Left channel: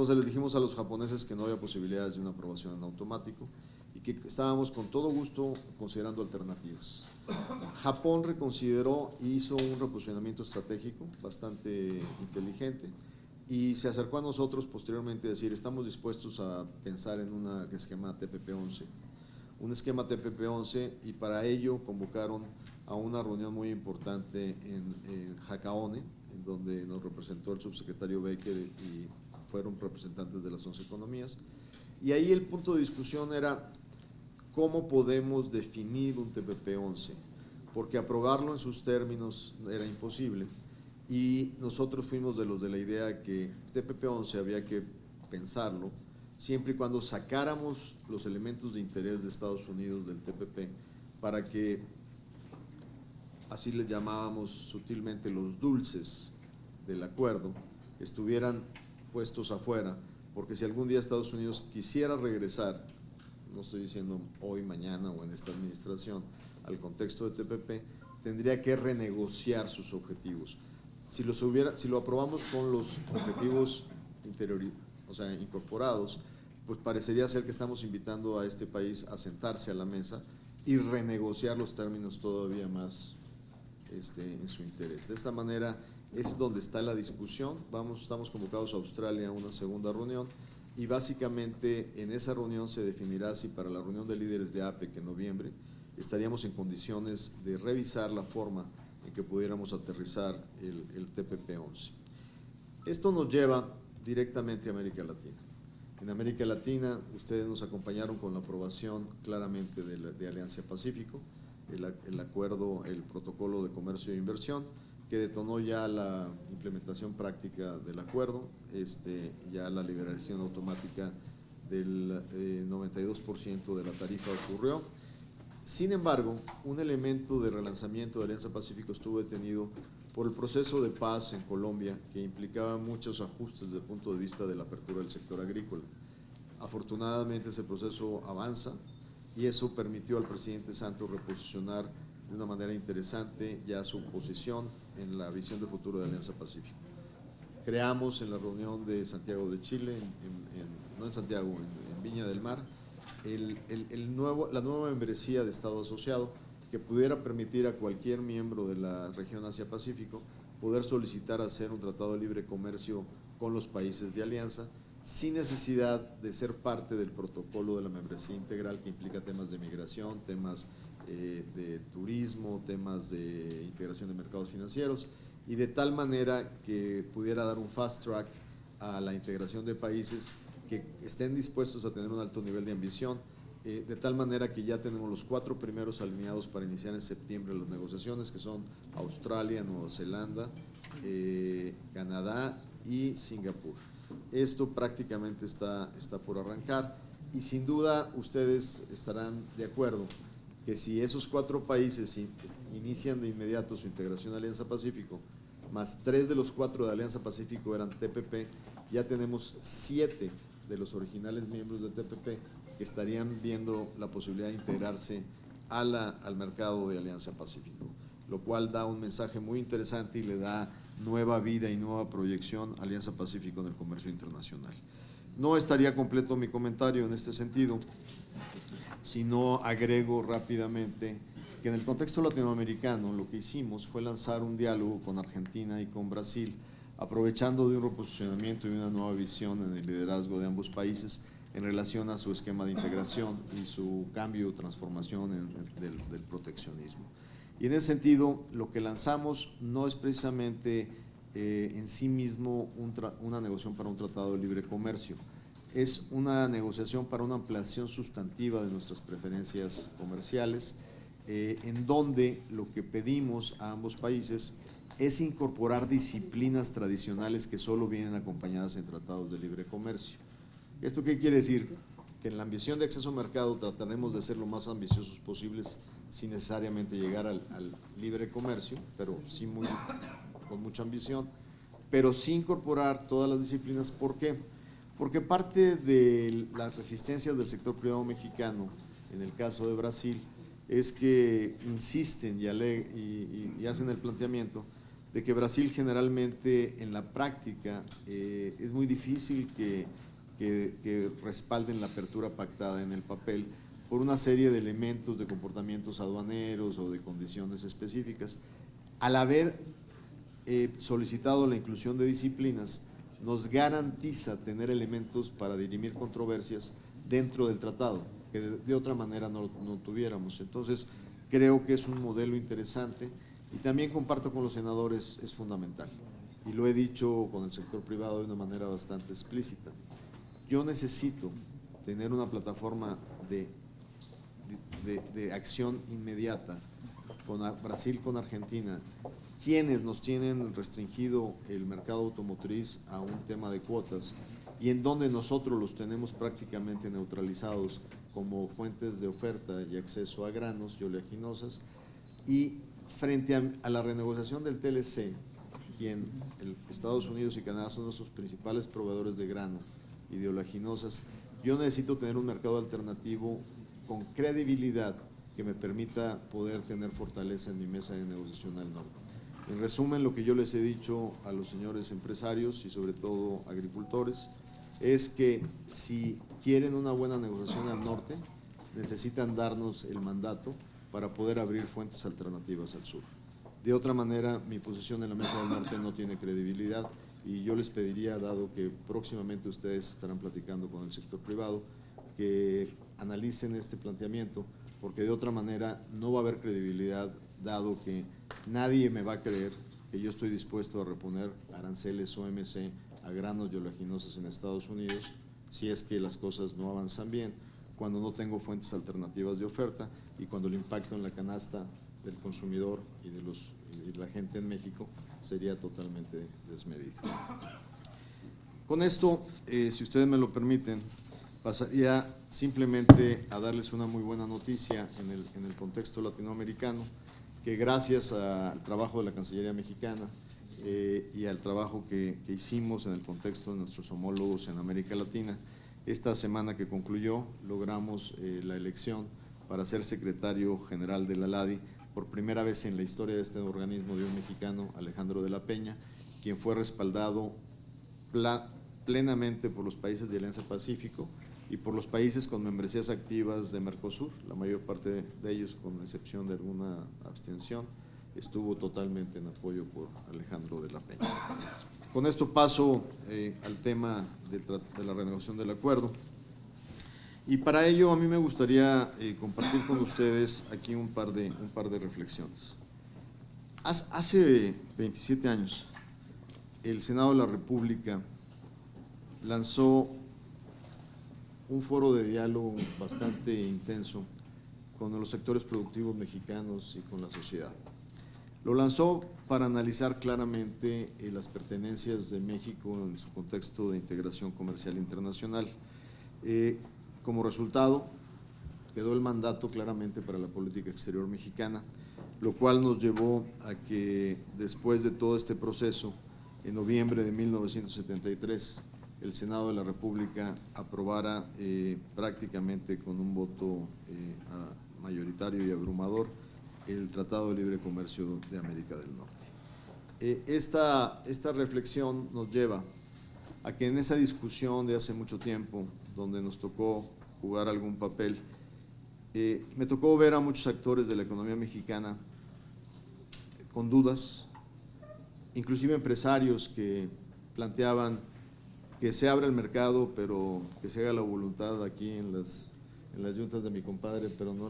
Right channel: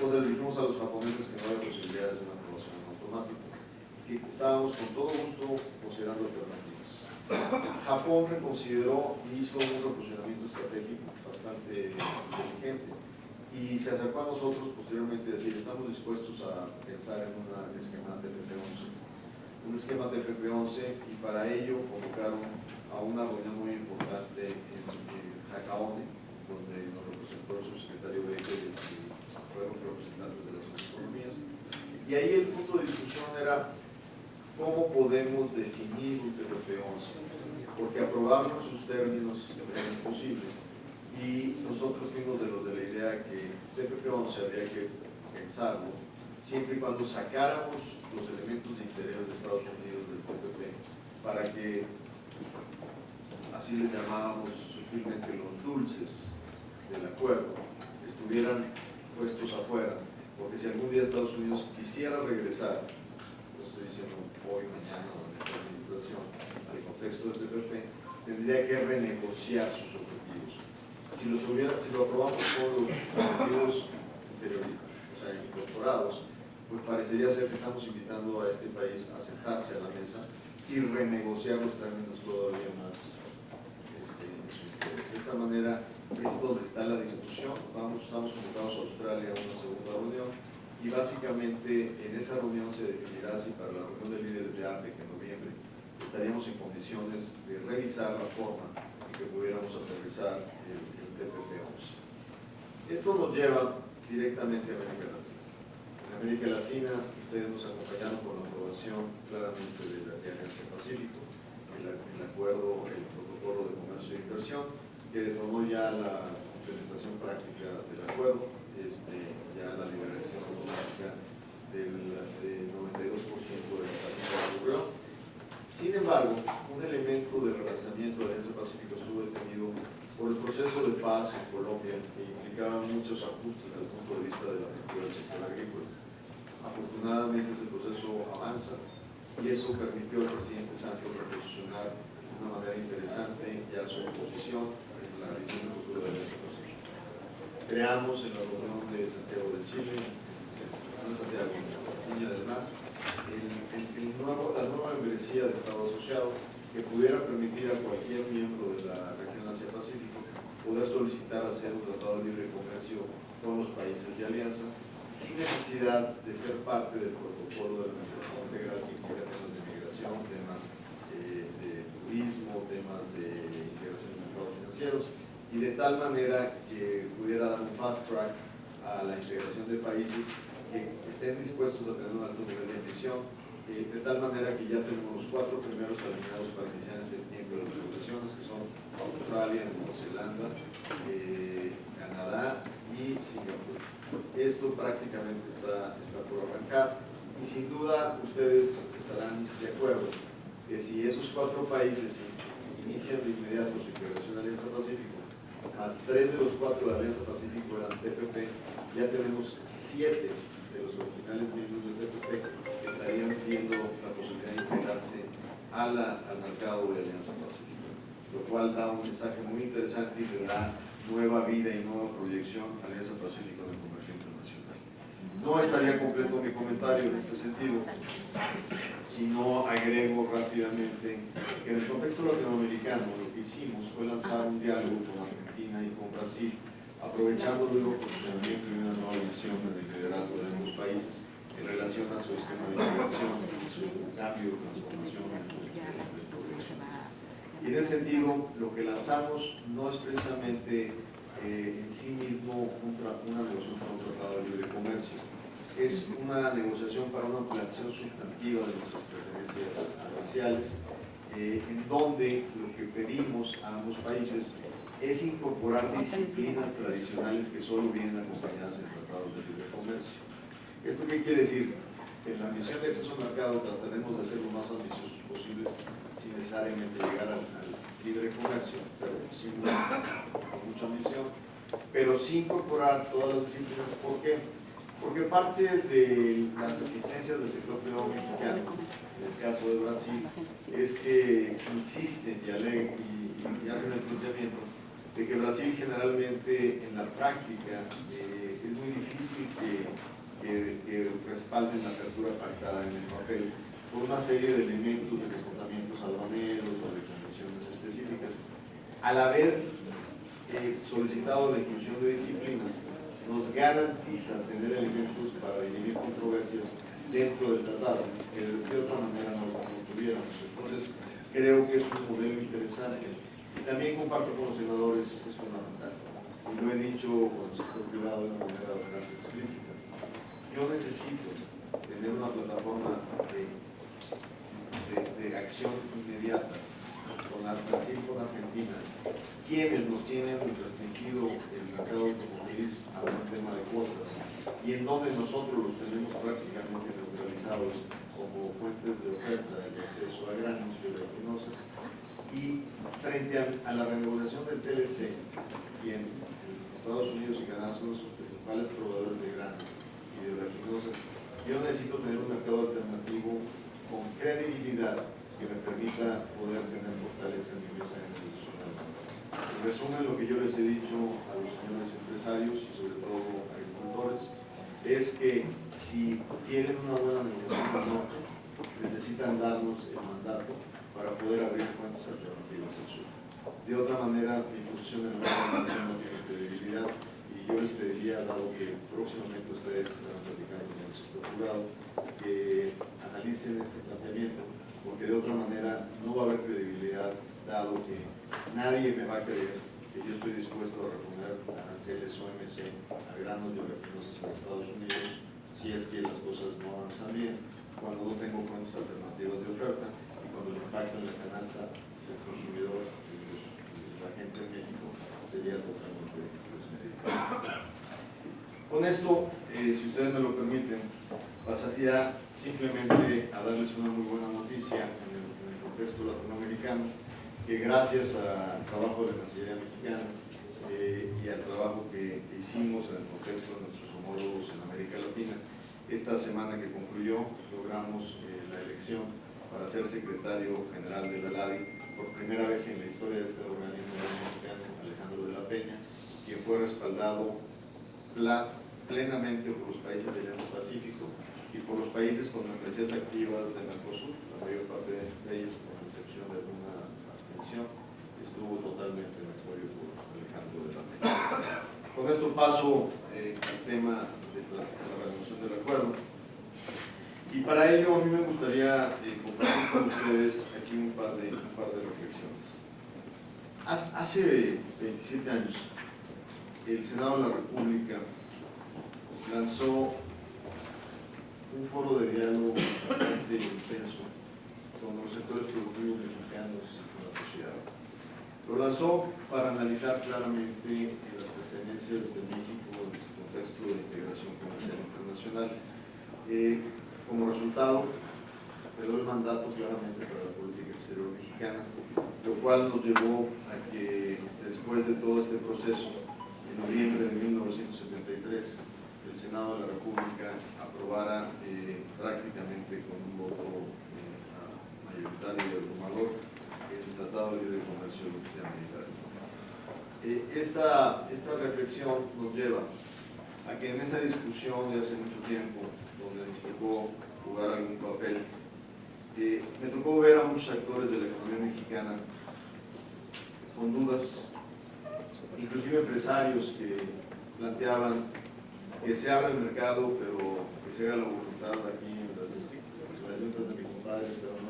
Entonces les dijimos a los japoneses que no había posibilidades de una aprobación en automático y que estábamos con todo gusto considerando alternativas. Japón reconsideró y hizo un reposicionamiento estratégico bastante inteligente y se acercó a nosotros posteriormente a decir: estamos dispuestos a pensar en un esquema TPP-11, y para ello convocaron a una reunión muy importante en Hakaone, donde nos representó el subsecretario Becker y fueron representantes de las 11 economías, y ahí el punto de discusión era cómo podemos definir un TPP-11, porque aprobarlo en sus términos era imposible, y nosotros fuimos de los de la idea que TPP-11 había que pensarlo siempre y cuando sacáramos los elementos de interés de Estados Unidos del TPP, para que, así les llamábamos sutilmente, los dulces del acuerdo estuvieran puestos afuera, porque si algún día Estados Unidos quisiera regresar, no estoy diciendo hoy, mañana o en esta administración, al contexto del TPP, tendría que renegociar sus objetivos. Si lo aprobamos con los objetivos incorporados, pues parecería ser que estamos invitando a este país a sentarse a la mesa y renegociar los términos todavía más en su interés. De esta manera es donde está la discusión. Estamos convocados a Australia a una segunda reunión y básicamente en esa reunión se definirá si para la reunión de líderes de APEC en noviembre estaríamos en condiciones de revisar la forma en que pudiéramos aterrizar el TPP-11. Esto nos lleva directamente a América Latina. En América Latina, ustedes nos acompañaron con la aprobación claramente de Alianza Pacífico, el acuerdo, el protocolo de comercio e inversión, que detonó ya la implementación práctica del acuerdo, ya la liberación automática del 92% de la tarifa ocurrió. Sin embargo, un elemento de relanzamiento de Alianza Pacífico estuvo detenido por el proceso de paz en Colombia, que implicaba muchos ajustes desde el punto de vista de la apertura del sector agrícola. Afortunadamente ese proceso avanza y eso permitió al presidente Santos reposicionar de una manera interesante ya su posición en la visión de futuro de Alianza Pacífico. Creamos en la reunión de Santiago de Chile, en Viña del Mar, la nueva membresía de Estado asociado que pudiera permitir a cualquier miembro de la región Asia-Pacífico poder solicitar hacer un tratado de libre comercio con los países de alianza sin necesidad de ser parte del protocolo de la membresía integral, que implica temas de migración, temas de turismo, temas de integración de mercados financieros, y de tal manera que pudiera dar un fast track a la integración de países que estén dispuestos a tener un alto nivel de ambición, de tal manera que ya tenemos los 4 primeros alineados para iniciar en septiembre las negociaciones, que son Australia, Nueva Zelanda, Canadá y Singapur. Esto prácticamente está por arrancar y sin duda ustedes estarán de acuerdo que si esos 4 países inician de inmediato su integración a Alianza Pacífico, más 3 de los 4 de Alianza Pacífico eran TPP, ya tenemos 7 de los originales miembros del TPP que estarían viendo la posibilidad de integrarse al mercado de Alianza Pacífico, lo cual da un mensaje muy interesante y le da nueva vida y nueva proyección a Alianza Pacífico en el comercio internacional. No estaría completo mi comentario en este sentido si no agrego rápidamente que en el contexto latinoamericano lo que hicimos fue lanzar un diálogo con Argentina y con Brasil, aprovechando de un posicionamiento y una nueva visión en el liderazgo de ambos países en relación a su esquema de integración y su cambio o transformación del proteccionismo. Y en ese sentido, lo que lanzamos no es precisamente en sí mismo una negociación para un tratado de libre comercio, es una negociación para una ampliación sustantiva de nuestras preferencias comerciales, en donde lo que pedimos a ambos países es incorporar disciplinas tradicionales que solo vienen acompañadas en tratados de libre comercio. ¿Esto qué quiere decir? Que en la ambición de acceso al mercado trataremos de ser lo más ambiciosos posibles sin necesariamente llegar al libre comercio, pero sí con mucha ambición, pero sin incorporar todas las disciplinas. ¿Por qué? Porque parte de las resistencias del sector privado mexicano, en el caso de Brasil, es que insisten y hacen el planteamiento de que Brasil generalmente en la práctica es muy difícil difícil que respalden la apertura pactada en el papel por una serie de elementos de comportamientos aduaneros o de condiciones específicas. Al haber solicitado la inclusión de disciplinas, nos garantiza tener elementos para dirimir controversias dentro del tratado, que de otra manera no tuviéramos. Entonces, creo que es un modelo interesante y también comparto con los senadores, es fundamental. Y lo he dicho con el sector privado de una manera bastante explícita. Yo necesito tener una plataforma de acción inmediata con Brasil, con Argentina, quienes nos tienen restringido el mercado automotriz a un tema de cuotas y en donde nosotros los tenemos prácticamente neutralizados como fuentes de oferta y acceso a granos y oleaginosas, y frente a la renegociación del TLC, quien Estados Unidos y Canadá son los principales proveedores de grano y de oleaginosas, yo necesito tener un mercado alternativo con credibilidad que me permita poder tener fortaleza en mi mesa de negociación. En resumen, lo que yo les he dicho a los señores empresarios y sobre todo agricultores es que si quieren una buena negociación al norte, necesitan darnos el mandato para poder abrir fuentes alternativas al sur. De otra manera, mi posición en el mercado no tiene credibilidad y yo les pediría, dado que próximamente ustedes estarán platicando con el sector privado, que analicen este planteamiento, porque de otra manera no va a haber credibilidad, dado que nadie me va a creer que yo estoy dispuesto a reponer aranceles OMC a granos y oleaginosas en Estados Unidos si es que las cosas no avanzan bien, cuando no tengo fuentes alternativas de oferta y cuando el impacto en la canasta del consumidor y la gente en México sería totalmente desmedido. Con esto, si ustedes me lo permiten, pasaría simplemente a darles una muy buena noticia en el contexto latinoamericano, que gracias al trabajo de la Cancillería mexicana y al trabajo que hicimos en el contexto de nuestros homólogos en América Latina, esta semana que concluyó logramos la elección para ser secretario general de la LADI por primera vez en la historia de este organismo mexicano, Alejandro de la Peña, quien fue respaldado plenamente por los países de Alianza Pacífico y por los países con membresías activas de Mercosur. La mayor parte de ellos, con excepción de alguna abstención, estuvo totalmente en apoyo por Alejandro de la Peña. Con esto paso al tema de la renovación del acuerdo, y para ello a mí me gustaría compartir con ustedes aquí un par de reflexiones. Hace 27 años el Senado de la República lanzó un foro de diálogo bastante intenso con los sectores productivos mexicanos y con la sociedad. Lo lanzó para analizar claramente las pertenencias de México en su contexto de integración comercial internacional. Como resultado, quedó el mandato claramente para la política exterior mexicana, lo cual nos llevó a que después de todo este proceso, en noviembre de 1973, el Senado de la República aprobara prácticamente con un voto mayoritario y abrumador el Tratado de Libre Comercio de América del Norte. Esta reflexión nos lleva a que en esa discusión de hace mucho tiempo, donde nos tocó jugar algún papel, me tocó ver a muchos actores de la economía mexicana con dudas, inclusive empresarios que planteaban que se abra el mercado, pero que se haga la voluntad aquí en las juntas de mi compadre, pero no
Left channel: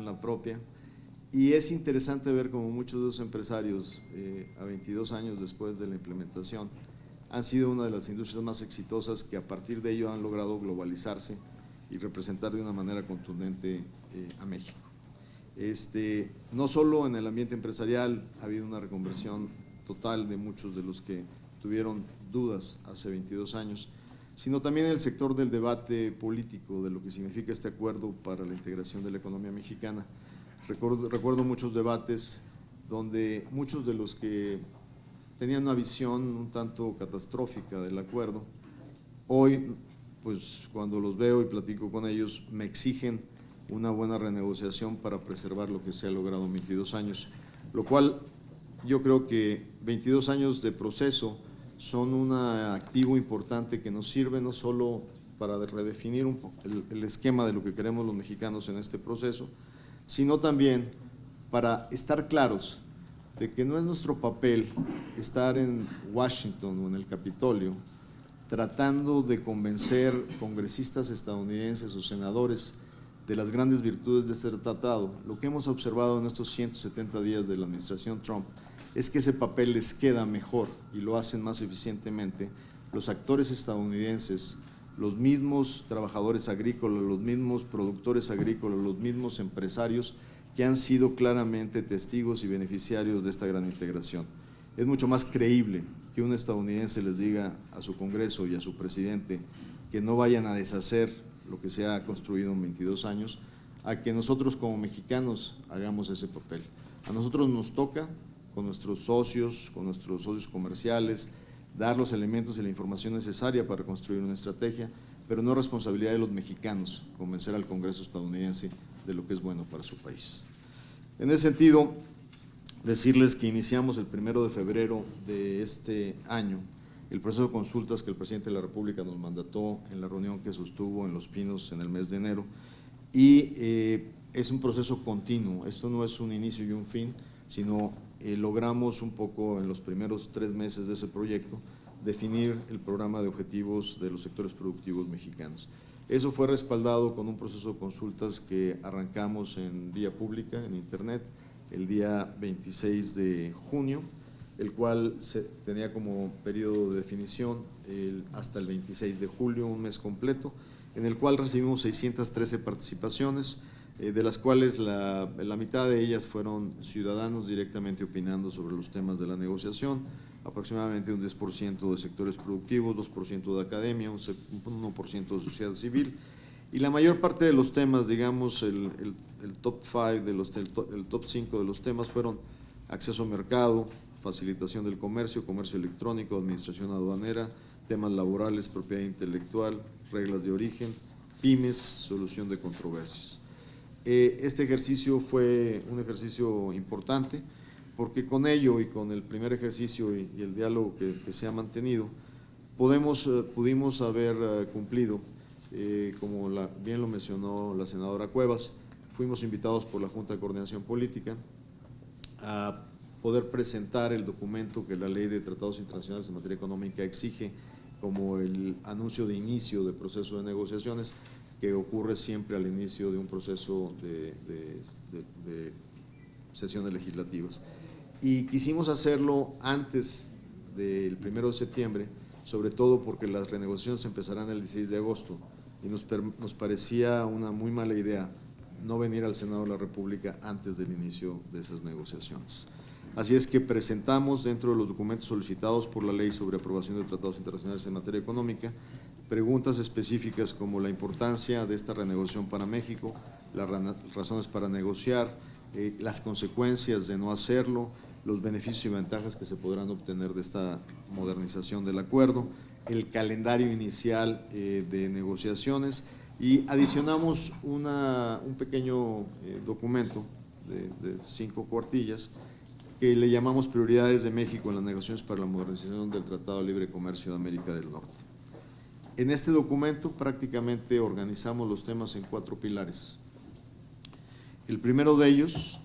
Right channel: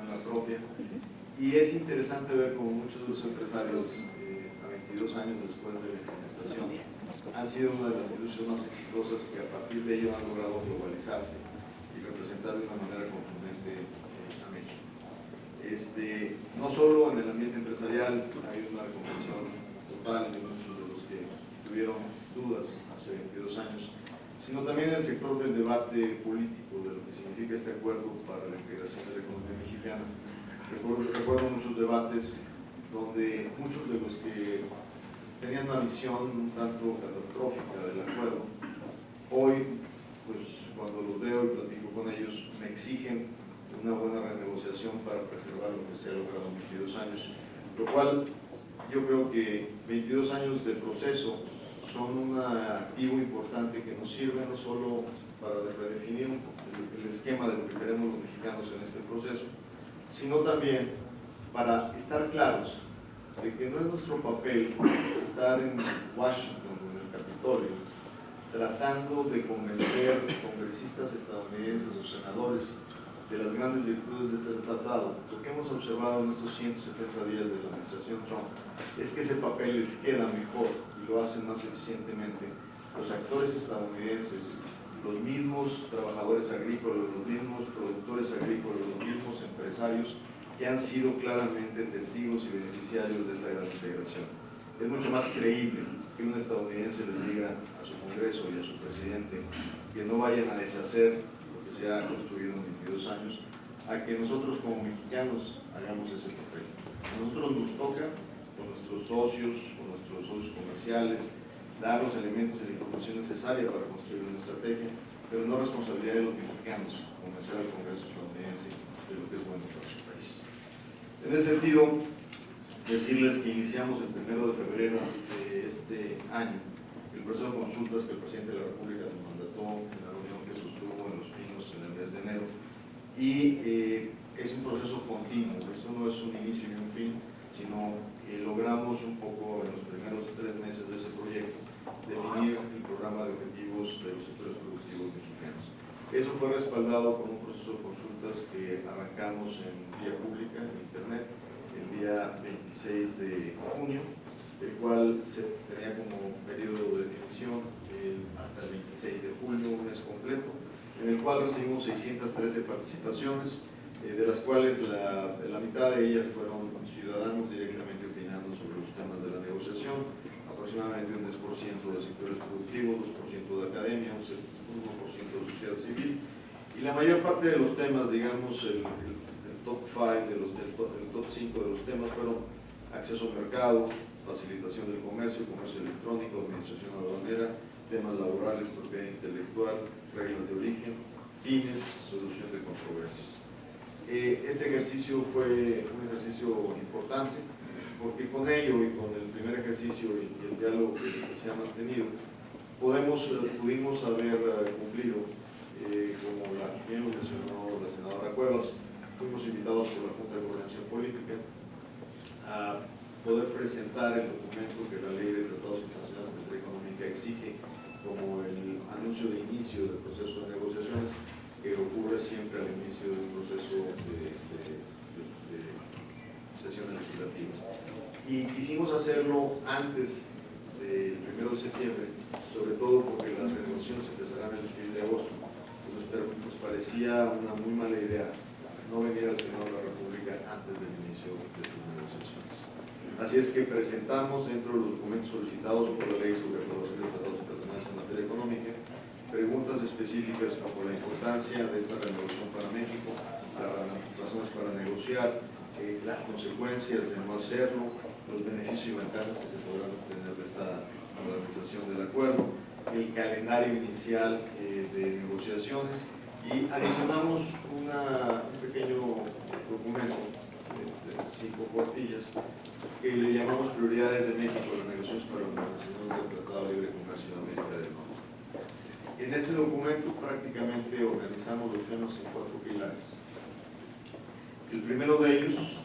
en la propia. Y es interesante ver cómo muchos de esos empresarios, a 22 años después de la implementación, han sido una de las industrias más exitosas que a partir de ello han logrado globalizarse y representar de una manera contundente a México. No solo en el ambiente empresarial ha habido una reconversión total de muchos de los que tuvieron dudas hace 22 años, sino también en el sector del debate político de lo que significa este acuerdo para la integración de la economía mexicana. Recuerdo muchos debates donde muchos de los que tenían una visión un tanto catastrófica del acuerdo, hoy, pues cuando los veo y platico con ellos, me exigen una buena renegociación para preservar lo que se ha logrado en 22 años, lo cual yo creo que 22 años de proceso son un activo importante que nos sirve no solo para redefinir el esquema de lo que queremos los mexicanos en este proceso, sino también para estar claros de que no es nuestro papel estar en Washington o en el Capitolio tratando de convencer congresistas estadounidenses o senadores de las grandes virtudes de este tratado. Lo que hemos observado en estos 170 días de la administración Trump es que ese papel les queda mejor y lo hacen más eficientemente los actores estadounidenses, los mismos trabajadores agrícolas, los mismos productores agrícolas, los mismos empresarios que han sido claramente testigos y beneficiarios de esta gran integración. Es mucho más creíble que un estadounidense les diga a su Congreso y a su presidente que no vayan a deshacer lo que se ha construido en 22 años, a que nosotros como mexicanos hagamos ese papel. A nosotros nos toca, con nuestros socios comerciales, dar los elementos y la información necesaria para construir una estrategia, pero no es responsabilidad de los mexicanos convencer al Congreso estadounidense de lo que es bueno para su país. En ese sentido, decirles que iniciamos el 1 de febrero de este año el proceso de consultas que el presidente de la República nos mandató en la reunión que sostuvo en Los Pinos en el mes de enero, y es un proceso continuo. Esto no es un inicio y un fin, sino logramos un poco en los primeros 3 meses de ese proyecto definir el programa de objetivos de los sectores productivos mexicanos. Eso fue respaldado con un proceso de consultas que arrancamos en vía pública, en internet, el día 26 de junio, el cual se tenía como periodo de definición hasta el 26 de julio, un mes completo, en el cual recibimos 613 participaciones, de las cuales la mitad de ellas fueron ciudadanos directamente opinando sobre los temas de la negociación, aproximadamente un 10% de sectores productivos, 2% de academia, un 1% de sociedad civil, y la mayor parte de los temas, digamos, el top 5, el top 5 de los temas fueron acceso al mercado, facilitación del comercio, comercio electrónico, administración aduanera, temas laborales, propiedad intelectual, reglas de origen, pymes, solución de controversias. Este ejercicio fue un ejercicio importante porque con ello y con el primer ejercicio y el diálogo que se ha mantenido, pudimos haber cumplido, como bien lo mencionó la senadora Cuevas, fuimos invitados por la Junta de Coordinación Política a poder presentar el documento que la Ley de Tratados Internacionales en Materia Económica exige como el anuncio de inicio del proceso de negociaciones que ocurre siempre al inicio de un proceso de sesiones legislativas. Y quisimos hacerlo antes del 1 de septiembre, sobre todo porque las renegociaciones empezarán el 16 de agosto y nos parecía una muy mala idea no venir al Senado de la República antes del inicio de esas negociaciones. Así es que presentamos dentro de los documentos solicitados por la Ley sobre aprobación de tratados internacionales en materia económica preguntas específicas como la importancia de esta renegociación para México, las razones para negociar, las consecuencias de no hacerlo, los beneficios y ventajas que se podrán obtener de esta modernización del acuerdo, el calendario inicial de negociaciones, y adicionamos un pequeño documento de 5 cuartillas que le llamamos prioridades de México en las negociaciones para la modernización del Tratado de Libre Comercio de América del Norte. En este documento prácticamente organizamos los temas en 4 pilares. El primero de ellos